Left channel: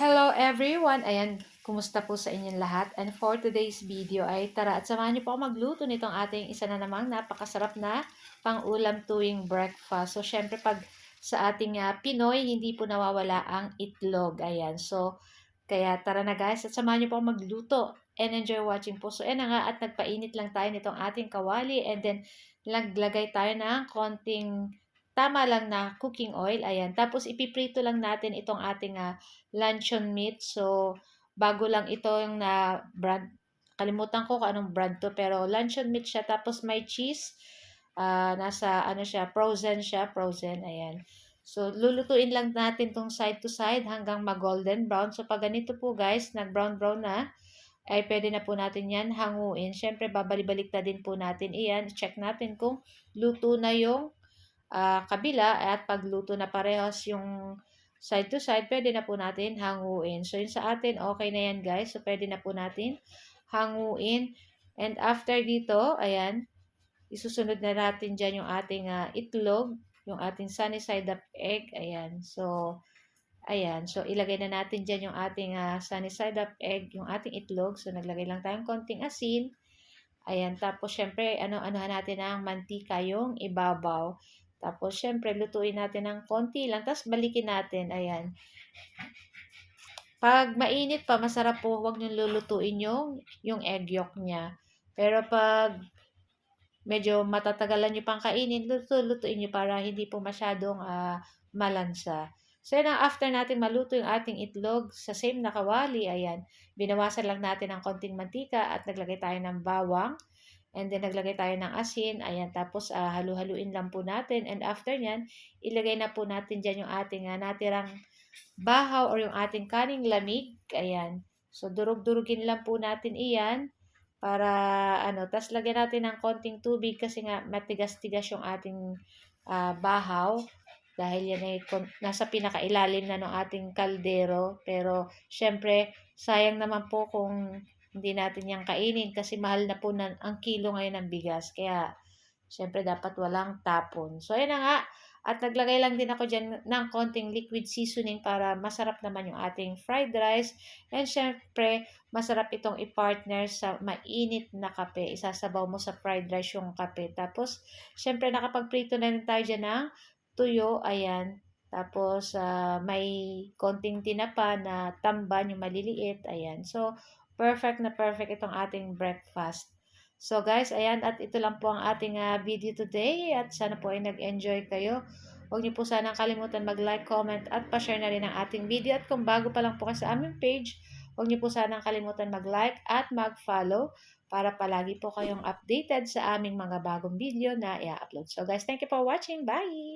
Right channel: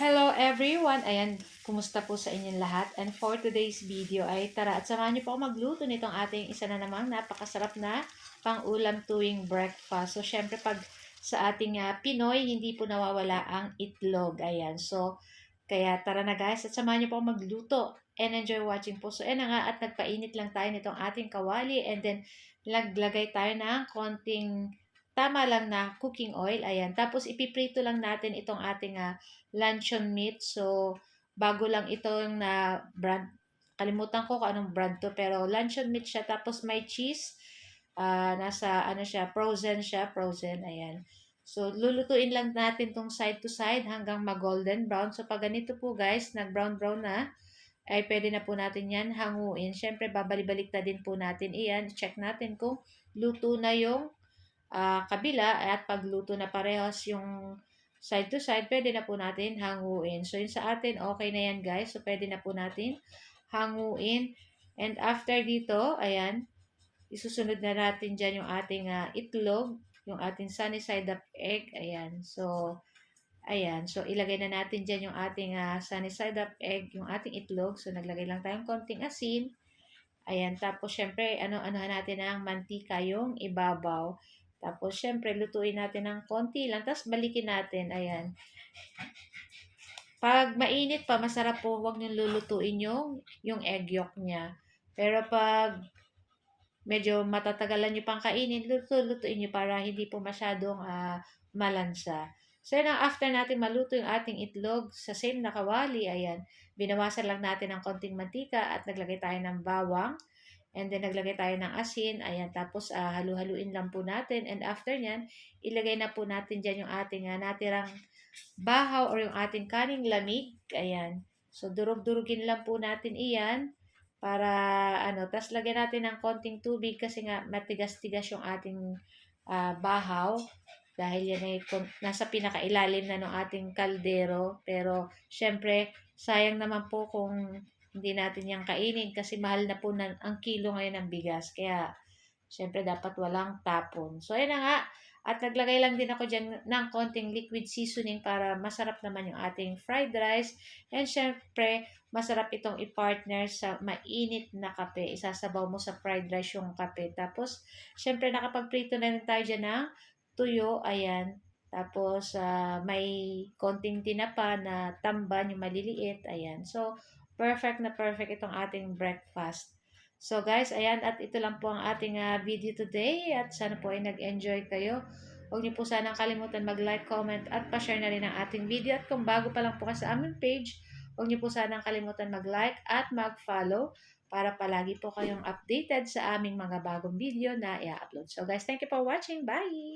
Hello everyone! Ayan, kumusta po sa inyong lahat? And for today's video ay tara at samahan niyo po ako magluto nitong ating isa na namang napakasarap na pang-ulam tuwing breakfast. So, syempre pag sa ating Pinoy, hindi po nawawala ang itlog. Ayan, so kaya tara na guys at samahan niyo po ako magluto and enjoy watching po. So, ayan na nga at nagpainit lang tayo nitong ating kawali and then naglagay tayo ng konting tama lang na cooking oil. Ayan, tapos ipiprito lang natin itong ating luncheon meat. So, bago lang ito yung na brand. Kalimutan ko kung anong brand to, pero luncheon meat siya. Tapos may cheese. Nasa ano siya, frozen. Ayan. So, lulutuin lang natin tong side to side hanggang mag-golden brown. So, pag ganito po guys, nag-brown na, ay pwede na po natin yan hanguin. Siyempre, babalik-balik na din po natin iyan. Check natin kung luto na yung kabila at pagluto na parehas yung side to side, pwede na po natin hanguin. So, yun sa atin, okay na yan guys. So, pwede na po natin hanguin. And after dito, ayan, isusunod na natin dyan yung ating itlog, yung ating sunny side up egg. Ayan. So, ayan. So, ilagay na natin dyan yung ating sunny side up egg, yung ating itlog. So, naglagay lang tayong konting asin. Ayan, tapos syempre, ano-anohan natin ang mantika yung ibabaw. Tapos syempre, lutuin natin ng konti lang, tapos balikin natin. Ayan. Pag mainit pa, masarap po, huwag niyong lulutuin yung egg yolk niya. Pero pag medyo matatagalan niyo pang kainin, lutuin niyo para hindi po masyadong malansa. So, yan after natin maluto yung ating itlog sa same na kawali, ayan, binawasan lang natin ng konting mantika at naglagay tayo ng bawang. And then, naglagay tayo ng asin. Ayan, tapos halu-haluin lang po natin. And after nyan, ilagay na po natin dyan yung ating natirang bahaw or yung ating kaning lamig. Ayan. So, durug-durugin lang po natin iyan para tas lagyan natin ng konting tubig kasi nga matigas-tigas yung ating bahaw dahil yan ay nasa pinakailalim na ng ating kaldero. Pero, syempre, sayang naman po kung hindi natin yan kainin kasi mahal na po ang kilo ngayon ng bigas. Kaya, syempre, dapat walang tapon. So, ayun na nga. At naglagay lang din ako dyan ng konting liquid seasoning para masarap naman yung ating fried rice. And syempre, masarap itong i-partner sa mainit na kape. Isasabaw mo sa fried rice yung kape. Tapos, syempre, nakapagprito na rin tayo dyan ng tuyo. Ayan. Tapos, may konting tinapa na tamban, yung maliliit. Ayan. So, perfect na perfect itong ating breakfast. So guys, ayan, at ito lang po ang ating video today at sana po ay nag-enjoy kayo. Huwag niyo po sanang kalimutan mag-like, comment at pa-share na rin ang ating video. At kung bago pa lang po kayo sa aming page, huwag niyo po sanang kalimutan mag-like at mag-follow para palagi po kayong updated sa aming mga bagong video na i-upload. So guys, thank you for watching. Bye!